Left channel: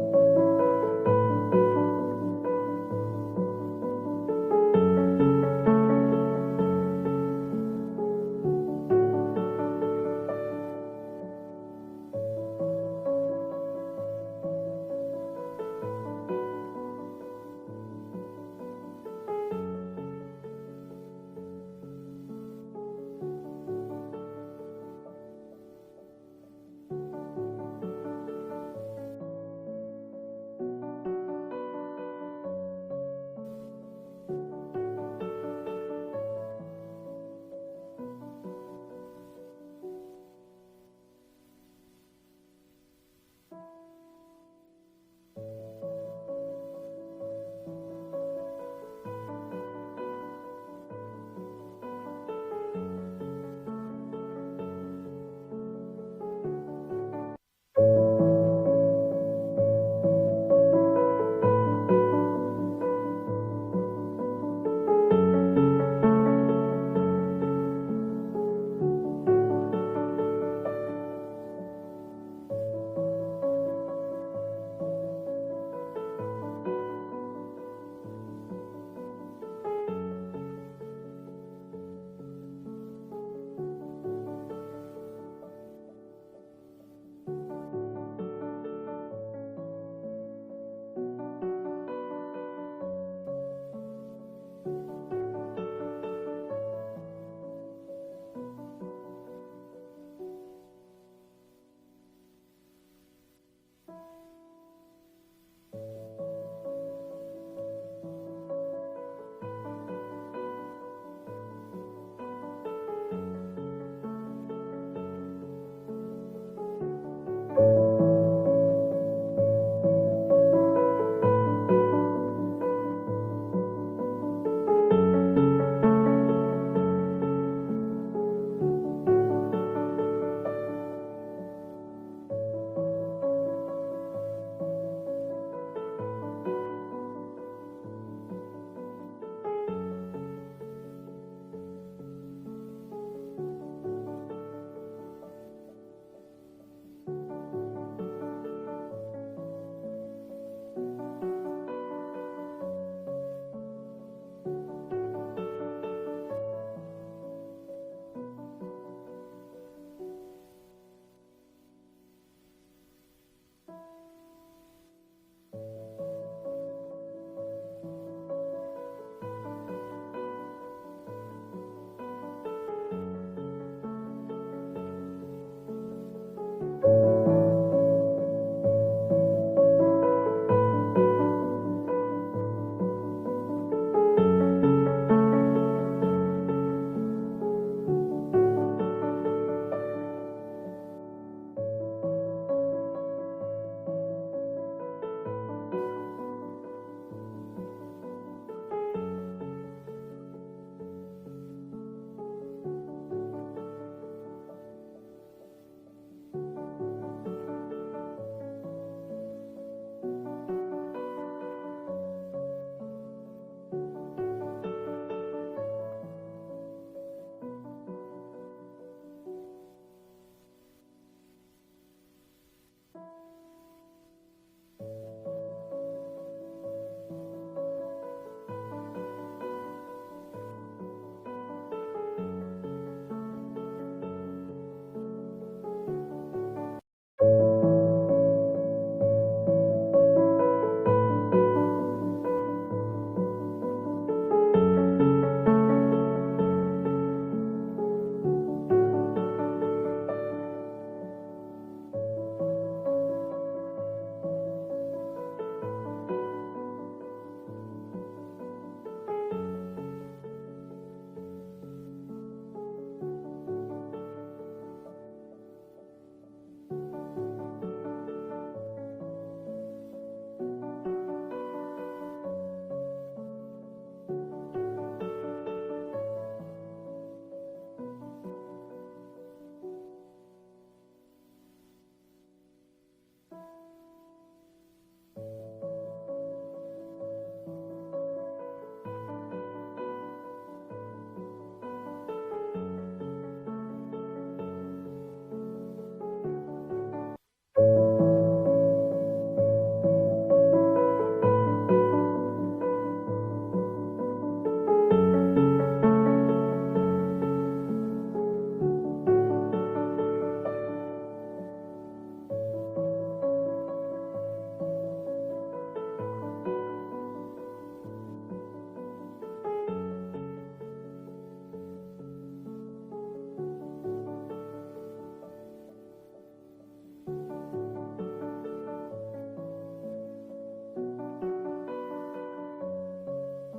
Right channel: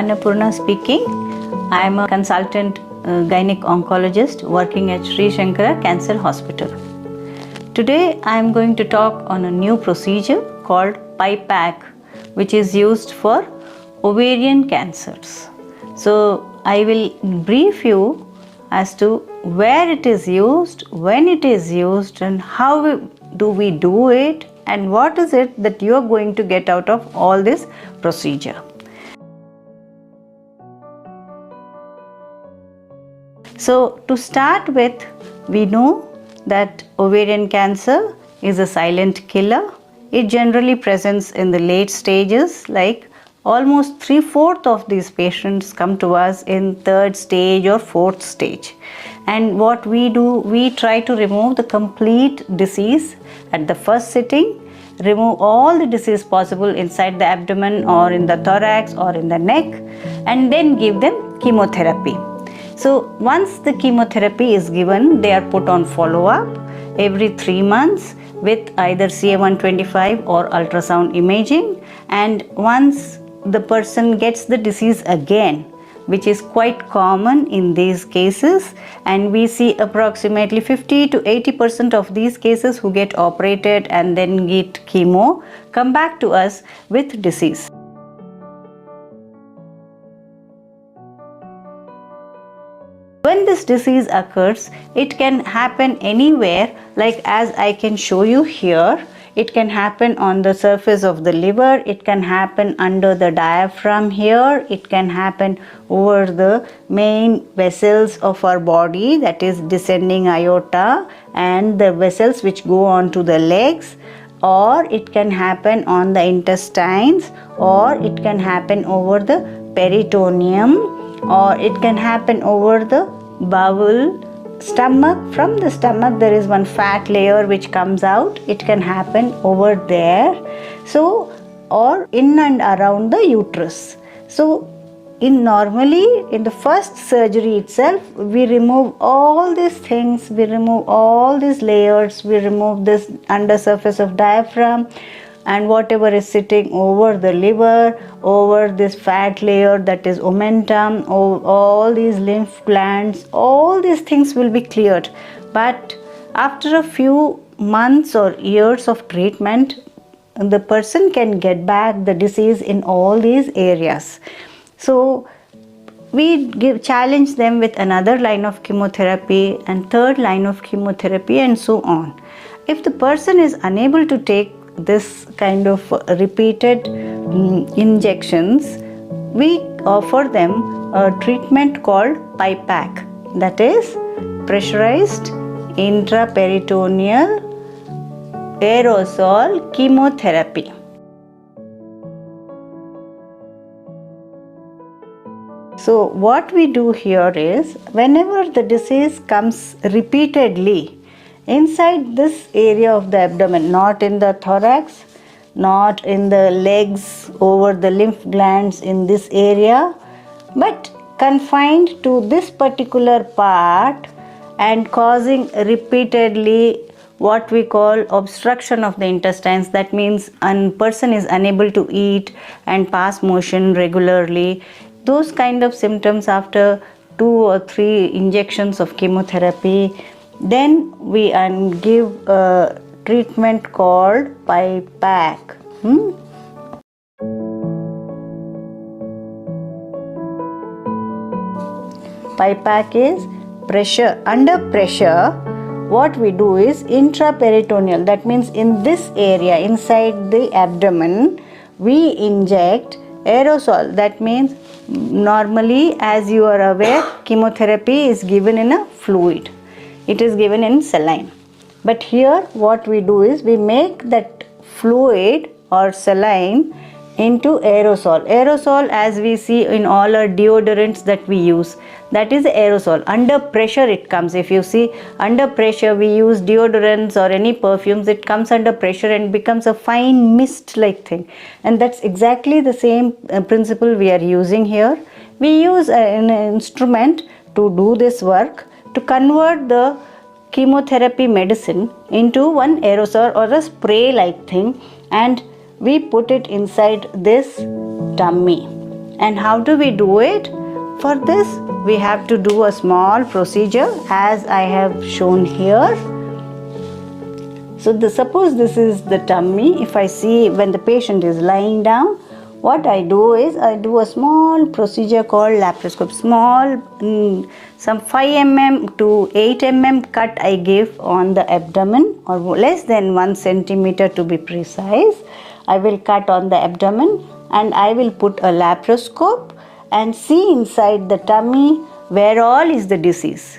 Annapurna speaking. I am a consultant Gynaec Oncologist working at Shankara Cancer Hospital. Today I am going to talk on a new procedure called PIPAC, which is used for ovarian cancers. So I will brief you as to where it is used, when it is used, and how do we do it, and what is it that you are going to get out of all this procedure. So to start with, we know that ovarian cancer is a silent killer. It generally presents in the late stages, like almost 3/4 of these patients come to us in 3rd stage or 4th stage. And what we do, we try to remove the complete disease at the first sitting, remove all the disease possible inside the abdomen or in the thorax or in the neck, and then give them chemotherapy. So once the chemotherapy is given, they are put on follow-up every 3 months with either CA-125 or ultrasound imaging. And once the person gets the disease again, which is quite common in these cases, and we see approximately 50 to 80% of these cases who get operated and then get chemo come back to us with disease. When this disease occurs, it can happen anywhere, like as I can show you here. It can happen on the surface of the liver, it can happen under the diaphragm here, it can happen over the main vessels of our body, that is descending aorta and the vessels which go on to the legs, or it can happen on the intestines, or it can happen over the peritoneum, or it can happen over the bowel, stomach. From the stomach there is one fat layer which comes out, it can happen over there. So, or in and around the uterus. So normally in the first surgery itself, we remove all these things, we remove all these layers, we remove this undersurface of diaphragm and whatever is sitting over the liver, over this fat layer, that is omentum, all these lymph glands, all these things will be cleared. But after a few months or years of treatment, the person can get back the disease in all these areas. So we challenge them with another line of chemotherapy and 3rd line of chemotherapy and so on. If the person is unable to take this kind of repeated injections, we offer them a treatment called PIPAC, that is pressurized intraperitoneal aerosol chemotherapy. So what we do here is, whenever the disease comes repeatedly inside this area of the abdomen, not in the thorax, not in the legs, over the lymph glands in this area, but confined to this particular part and causing repeatedly what we call obstruction of the intestines. That means a person is unable to eat and pass motion regularly. Those kind of symptoms after 2 or 3 injections of chemotherapy, then we give a treatment called PIPAC. PIPAC is pressure. Under pressure, what we do is intraperitoneal. That means in this area, inside the abdomen, we inject aerosol. That means normally, as you are aware, chemotherapy is given in a fluid. It is given in saline. But here what we do is, we make that fluid or saline into aerosol. Aerosol, as we see in all our deodorants that we use, that is aerosol. Under pressure it comes. If you see, under pressure we use deodorants or any perfumes, it comes under pressure and becomes a fine mist like thing. And that's exactly the same principle we are using here. We use an instrument to do this work, to convert the chemotherapy medicine into one aerosol or a spray like thing, and we put it inside this dummy. And how do we do it? For this, we have to do a small procedure as I have shown here. So suppose this is the tummy. If I see when the patient is lying down, what I do is I do a small procedure called laparoscope. Small, some 5 mm to 8 mm cut I give on the abdomen, or less than 1 centimeter to be precise. I will cut on the abdomen and I will put a laparoscope and see inside the tummy where all is the disease.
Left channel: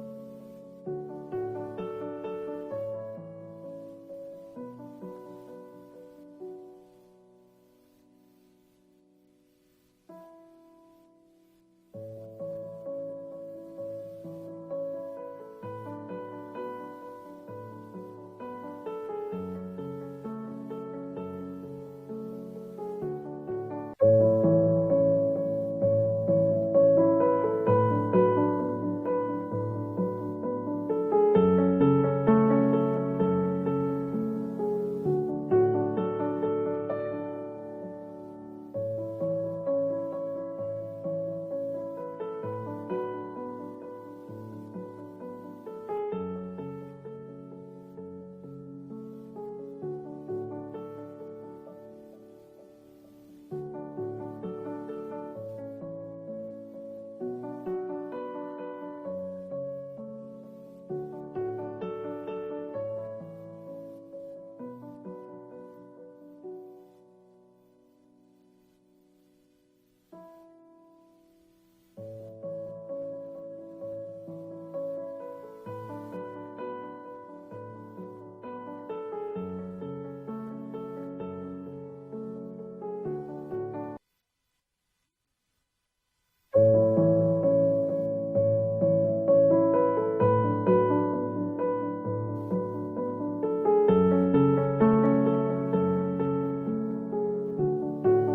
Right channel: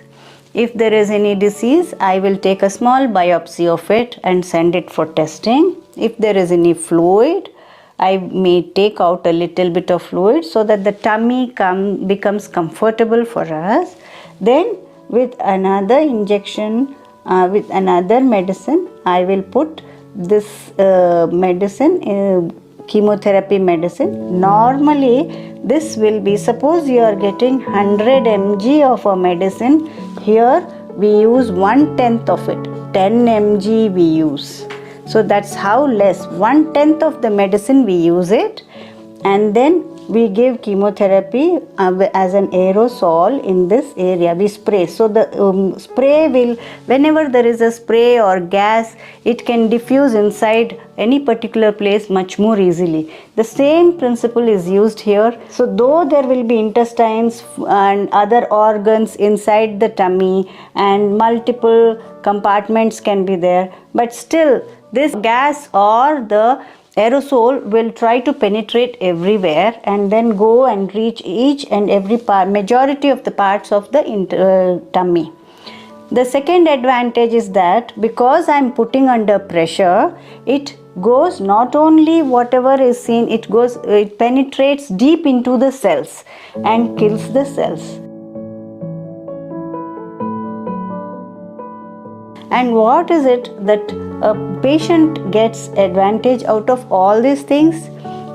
If there is any disease, I will take a small biopsy of it and send it for testing. If there is any fluid, I may take out a little bit of fluid so that the tummy becomes comfortable for us. Then with another injection, with another medicine, I will put this medicine, chemotherapy medicine. Normally this will be, suppose you are getting 100 mg of a medicine, here we use 1/10 of it, 10 mg we use. So that's how less, 1/10 of the medicine we use it, and then we give chemotherapy as an aerosol in this area. We spray. So the spray will, whenever there is a spray or gas, it can diffuse inside any particular place much more easily. The same principle is used here. So though there will be intestines and other organs inside the tummy and multiple compartments can be there, but still this gas or the aerosol will try to penetrate everywhere and then go and reach each and every part, majority of the parts of the tummy. The second advantage is that because I am putting under pressure, it goes not only whatever is seen, it penetrates deep into the cells and kills the cells. And what is it that a patient gets advantage out of all these things?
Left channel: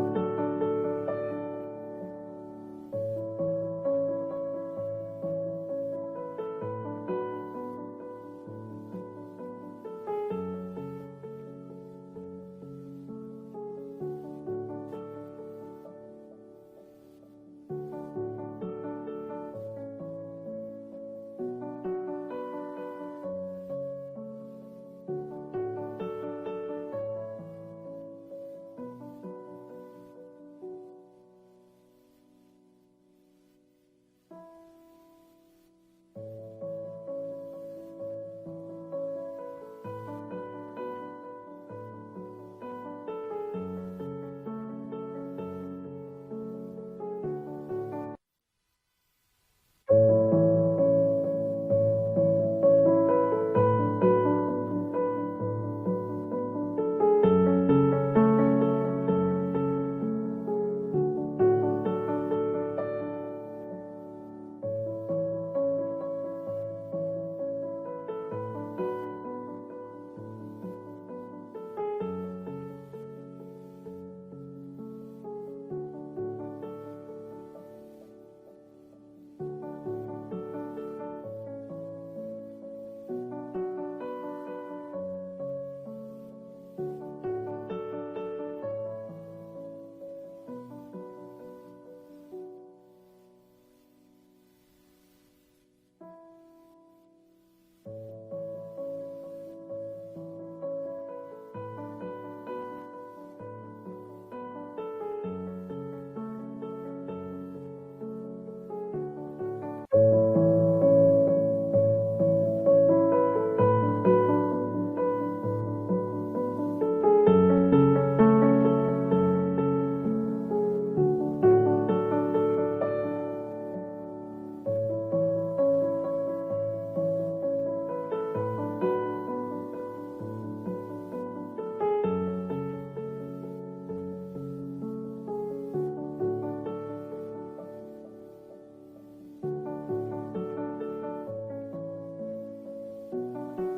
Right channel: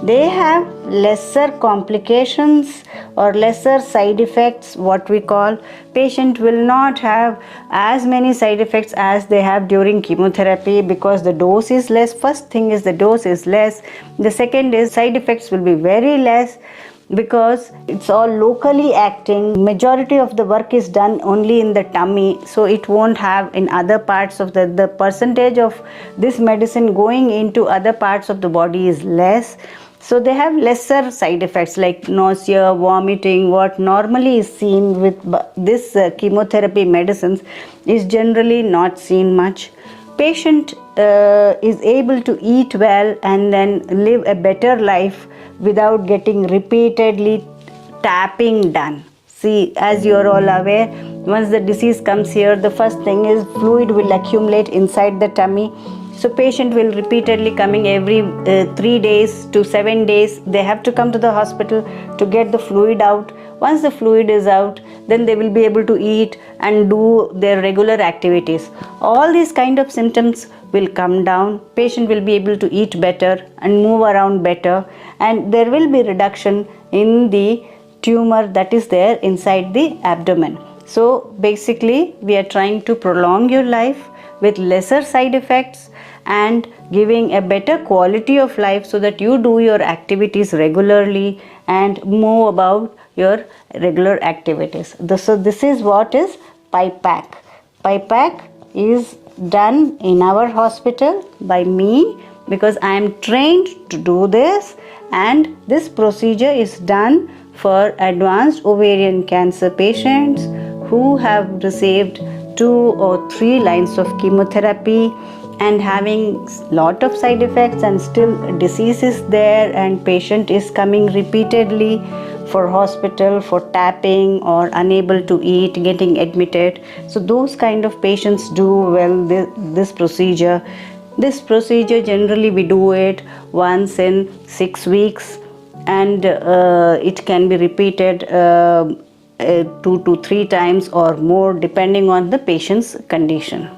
They have lesser complications or lesser side effects, what we call. Patient will not have as many side effects as they have during chemotherapy because the dose is less. First thing is the dose is less. The second is side effects will be very less, because it's all locally acting. Majority of the work is done only in the tummy, so it won't have in other parts of the percentage of this medicine going into other parts of the body is less. So they have lesser side effects like nausea, vomiting. What normally is seen with this chemotherapy medicines is generally not seen much. Patient is able to eat well and then live a better life without getting repeatedly tapping done. See, as you are all aware, once the disease comes here, the first thing is fluid will accumulate inside the tummy. So patient will repeatedly coming every 3 days to 7 days. They have to come to the hospital to get the fluid out. Once the fluid is out, then they will be able to eat and do their regular activities. All these kind of symptoms will come down. Patient will be able to eat better and move around better, and there will be reduction in the tumor that is there inside the abdomen. So basically we are trying to prolong your life with lesser side effects and giving a better quality of life so that you do your activities regularly and move about your regular activities. So this is what is PIPAC. PIPAC is done in our hospital by me because I am trained to do this, and this procedure is done for advanced ovarian cancer patients who have received 2 or 3 lines of chemotherapy and having lot of side effects, and still disease is there and patient is coming repeatedly for hospital for tapping or unable to eat, getting admitted. So those kind of patients do well this procedure. This procedure generally we do it once in 6 weeks, and it can be repeated 2 to 3 times or more depending on the patient's condition.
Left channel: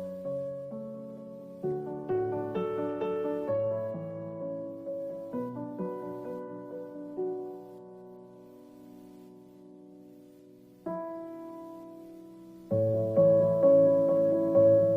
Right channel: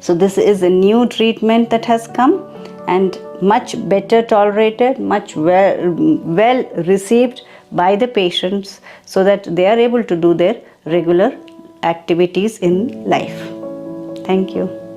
So this is a new treatment that has come and much better tolerated, much well received by the patients, so that they are able to do their regular activities in life. Thank you.